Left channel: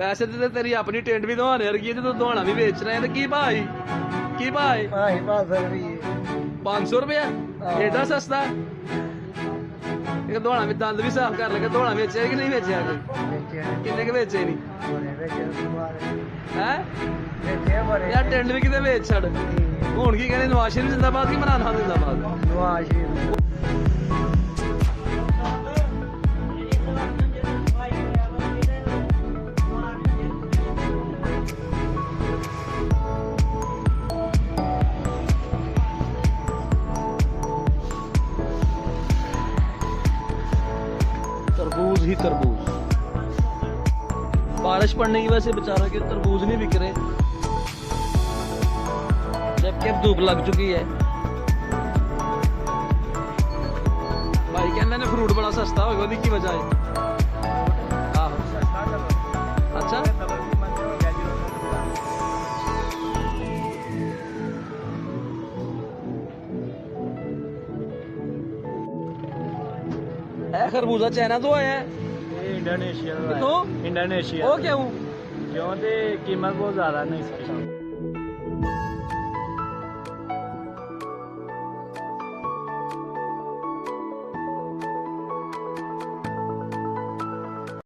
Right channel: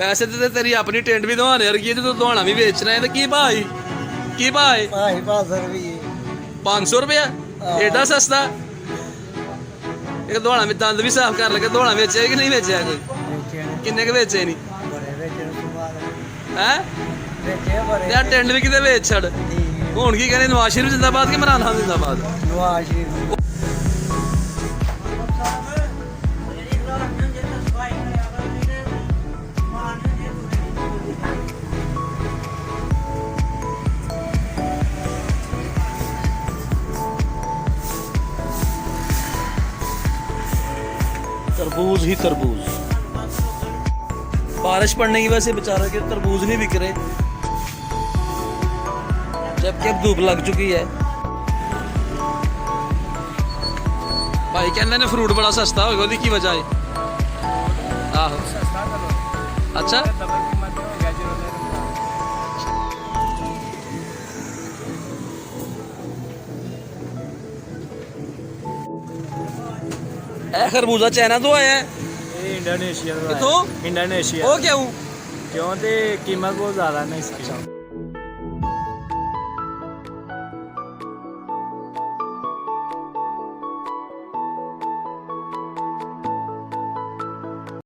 वैसे तो तेरी अपनी टेंट भी दुहाने वर्गी है, तू दुहाना भी बेचना है तो की भाई की भाई 500 रुपया एडा सस्ता। एक दुहाना में दंद भी साफ कर लगे, दुहाना बेचे कि नहीं बेचे कोई? किन्ने के बेचे नहीं है यार? टेंट भी किते बेच छड़ हुण की कहने नवाज शरीफ जिंदाबाद कि इमरान खान जिंदाबाद? तरबूज ही तरबूज, बारिश पड़ने की वजह से बेचारा के तरबूज नहीं बिक रहे, जबकि अब धूप लग चुकी है। भाई कहते हैं फ्रूट बड़ा सस्ता होगा, उसकी की वजह है? अच्छा खरबूजा चाइना तो आया है? इंडोनेशिया तो इंडोनेशिया। वो क्यों? क्यों? कीमत बहुत ज़्यादा नहीं इसकी।